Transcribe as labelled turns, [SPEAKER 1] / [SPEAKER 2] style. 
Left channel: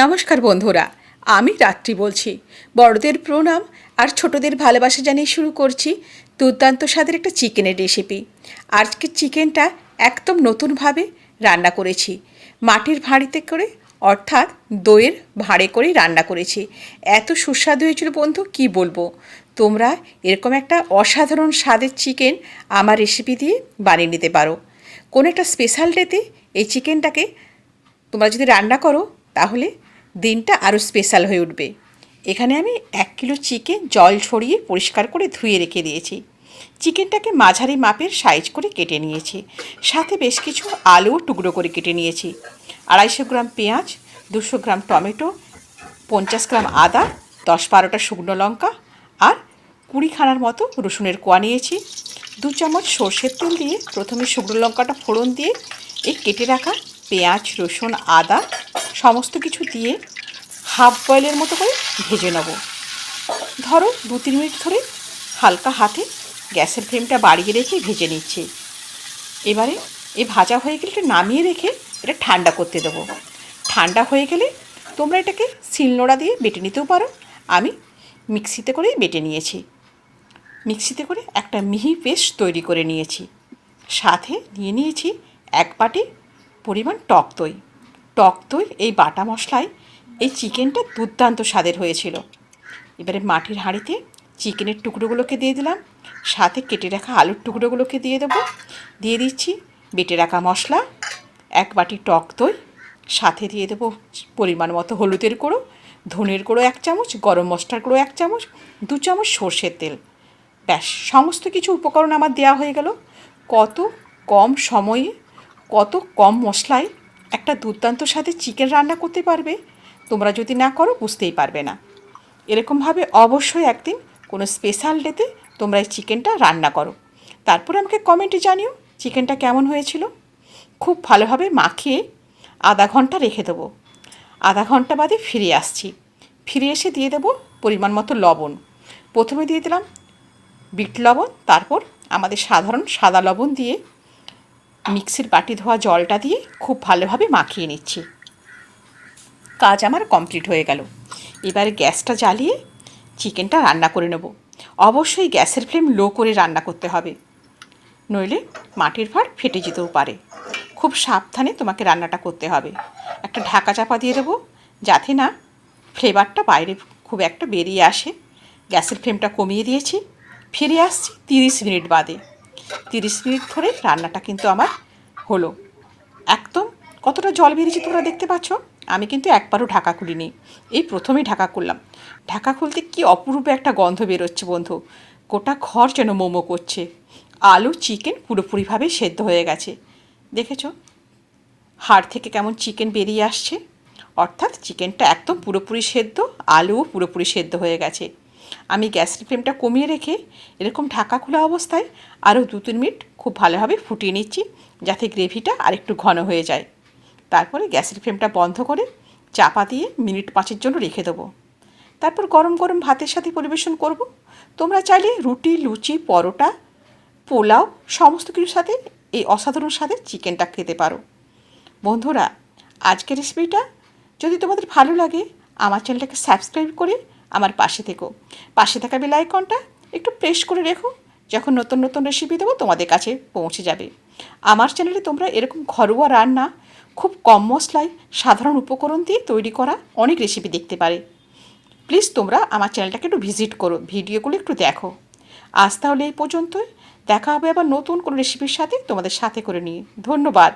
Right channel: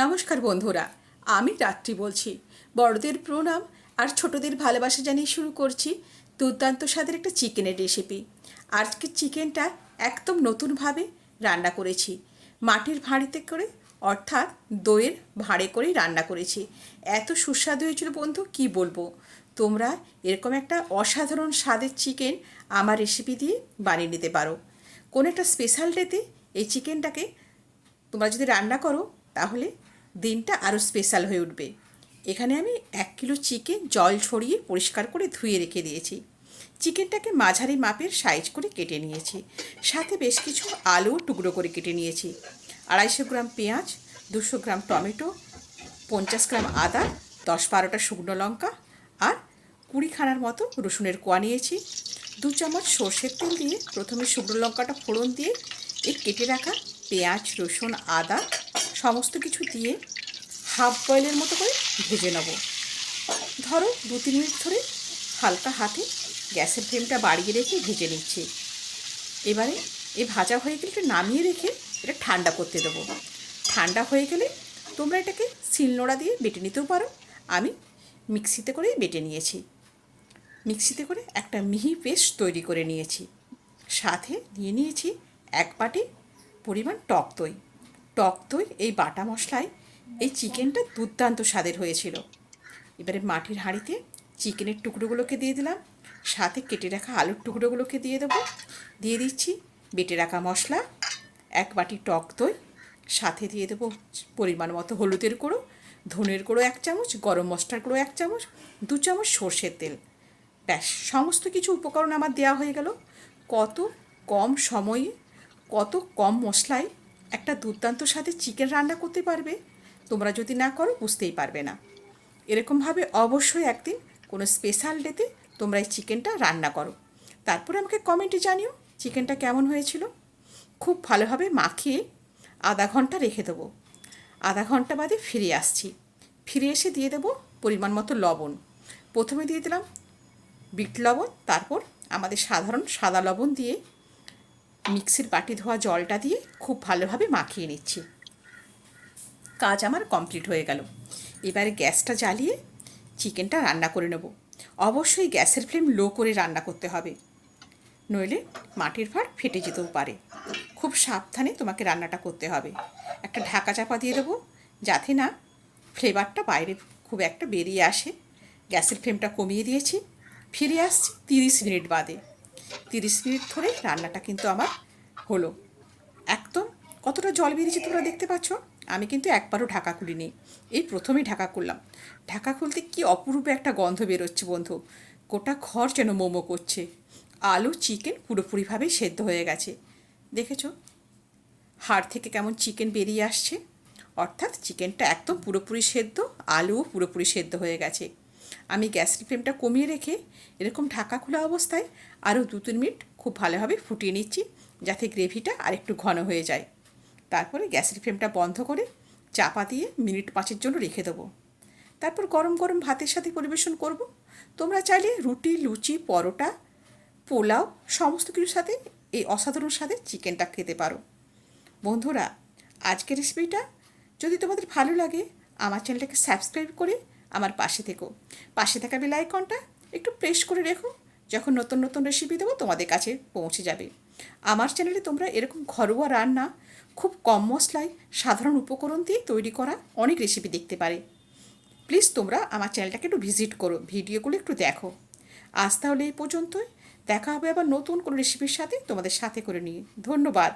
[SPEAKER 1] নমস্কার বন্ধুরা, আমি রাত্রি বলছি। বড়দের প্রণাম আর ছোটদের ভালোবাসা জানিয়ে শুরু করছি দুর্দান্ত স্বাদের একটা চিকেনের রেসিপি আজকে চিকেনটা একদম নতুনভাবে রান্না করেছি। মাটির ভাঁড়িতে করে, অর্থাৎ দইয়ের ভাঁড়ে করে রান্না করেছি। এত সুস্বাদু হয়েছিল বন্ধু, কি বলব? তোমরা এরকম একটা অসাধারণ স্বাদের চিকেন আমার রেসিপি দিয়ে বানিয়ে নিতে পারো। কোনো একটা স্পেশাল ডেতে এই চিকেনটাকে তোমরা যদি রান্না করো, তাহলে দিনটা আরও স্পেশাল হয়ে উঠবে। এখানে আমি এক কিলো চিকেন জল ছড়িয়ে পরিষ্কার করে ধুয়ে রেখে দিয়েছি। চিকেনটাকে মাঝারি মাপের সাইজ করে কেটে নিয়েছি। সাথে বেশ কিছু আলু টুকরো করে কেটে নিয়েছি। আড়াইশো গ্রাম পেঁয়াজ, দুশো গ্রাম টমেটো, পঞ্চাশ গ্রাম আদা, দশ বারোটা শুকনো লঙ্কা আর কুড়িখানার মতো রসুনের কোয়া নিয়েছি। দু চামচ সর্ষের তেল দিয়ে প্রথমে শুকনো লঙ্কাটা ফোড়ন দিয়ে এই কেটে রাখা পেঁয়াজ, রসুন, আদা সমস্ত কিছু দিয়ে হাফ বয়েলের মতো করে ভেজে নেব। ধরো দু, তিন মিনিট ধরে হালকা হাতে গ্যাসের ফ্লেমটা বাড়িয়ে রেখে ভেজে নিচ্ছি। এবারে এ ভাজা হয়ে গেলে নামিয়ে রেখে এটা ঠান্ডা করতে দেবো। ঠান্ডা হয়ে গেলে তোমরা এটাকে শিলনোড়া দিয়ে বেটে নিতেও পারো। আমি মিক্সিতে করেই বেটে নিয়েছি। মিক্সিতে করে একটা মিহি পেস্ট তৈরি করে নিয়েছি। সাথে নিয়ে নিয়েছি এক বাটি পরিমাণ টক দই। টক দই, এই বাটা মশলায় এই চিকেনটা দুর্দান্ত স্বাদের হয়েছিল। এবারে মাটির হাঁড়িতে চিকেনের টুকরোগুলোকে দিয়ে দিলাম। সাথে কেটে রাখা আলুর টুকরোগুলোকে দিয়ে দেবো। দিয়ে দিচ্ছি বেটে রাখা মশলা, এক বাটি টক দই, সাথে দিয়ে দেবো পরিমাণ মতো হলুদের গুঁড়ো, ধনের গুঁড়ো এক চামচ, গরম মশলার গুঁড়ো এক চামচ, দু চামচ সর্ষের তেল। ব্যাস, সমস্ত কিছু উপকরণ আমার দেওয়া হয়ে গেল। কত কম সময়ে, কত কম মশলায় একটা দুর্দান্ত সাথে চিকেন রান্না করতে পারবে। তোমরা যদি না করো, বুঝতেই পারবে না। এরকমভাবে অবশ্যই একদিন কোনো স্পেশাল ডেতে তোমরা এই চিকেনটা রান্না করো। তারপরে আমাকে কমেন্টে জানিও চিকেনটা কেমন হয়েছিল। খুব ভালোভাবে মাখিয়ে আধা ঘণ্টা রেখে দেবো। আধা ঘণ্টা বাদে ফিরে আসছি। ফিরে এসে দিয়ে দেবো পরিমাণ মতো লবণ। প্রথমে দিয়ে দিলাম বিট লবণ, তারপর আমাদের সাধারণ সাদা লবণ দিয়ে মিক্সির বাটি ধোয়া জলটা দিয়ে খুব ভালোভাবে মাখিয়ে নিচ্ছি। কাজ আমার কমপ্লিট হয়ে গেল। এবারে গ্যাসটা জ্বালিয়ে চিকেনটা রান্না করে নেব। অবশ্যই গ্যাসের ফ্লেম লো করে রান্না করতে হবে। নইলে মাটির ভাঁড় ফেটে যেতেও পারে। খুব সাবধানে তোমাকে রান্নাটা করতে হবে। একটা ঢাকা চাপা দিয়ে দেবো যাতে না ফ্লেভারটা বাইরে খুব একটা বেরিয়ে আসে। গ্যাসের ফ্লেমটা কমিয়ে দিয়েছি। ফিরে আসছি তিরিশ মিনিট বাদে। তিরিশ মিনিট ধরে রান্নাটা কিন্তু আমার হলো। একদম কতটা জল বেরিয়েছে তোমরা দেখতে পাচ্ছ? আমি কিন্তু একবারও ঢাকা খুলিনি। এই প্রথমেই ঢাকা খুললাম। ঢাকা খুলতে কি অপূর্ব একটা গন্ধ বেরোচ্ছে বন্ধু। গোটা ঘর যেন মোমো করছে। আলু, চিকেন পুরোপুরিভাবে সেদ্ধ হয়ে গেছে। দেখেছ? হাড় থেকে কেমন চিকেন বেরিয়ে আসছে। অর্থাৎ চিকেনটা একদম পুরোপুরি সেদ্ধ, আলুও পুরোপুরি সেদ্ধ হয়ে গেছে। আমি গ্যাসের ফ্লেমটা কমিয়ে রেখে এরকম ঢাকা খোলা অবস্থায় আরও দু তিন মিনিট খুব ভালোভাবে ফুটিয়ে নিচ্ছি, যাতে গ্রেভিটা আরেকটু ঘন হয়ে যায়। তারপরে গ্যাসের ফ্লেমটা বন্ধ করে চাপা দিয়ে মিনিট পাঁচের জন্য রেখে দেবো। তারপর গরম গরম ভাতের সাথে পরিবেশন করব। তোমরা চাইলে রুটি, লুচি, পরোটা, পোলাও, সমস্ত কিছুর সাথে এই অসাধারণ স্বাদের চিকেনটা খেতে পারো। বন্ধুরা, আজকের রেসিপিটা যদি তোমাদের ভালো লাগে, আমার চ্যানেলটাকে সাবস্ক্রাইব করে আমার পাশে থেকো। পাশে থাকা বেল আইকনটা একটু প্রেস করে রেখো। যখন নতুন নতুন রেসিপি দেবো তোমাদের কাছে পৌঁছে যাবে। আমার চ্যানেলে তোমরা এরকম ঘরোয়া রান্না, খুব কম মশলায় সাধারণ উপকরণ দিয়ে তৈরি করা অনেক রেসিপি দেখতে পারে। প্লিজ তোমরা আমার চ্যানেলটাকে একটু ভিজিট করো, ভিডিওগুলো একটু দেখো। আজ তাহলে এই পর্যন্তই। দেখা হবে আবার নতুন কোনো রেসিপির সাথে তোমাদের সাথে করে নিয়ে। ধন্যবাদ।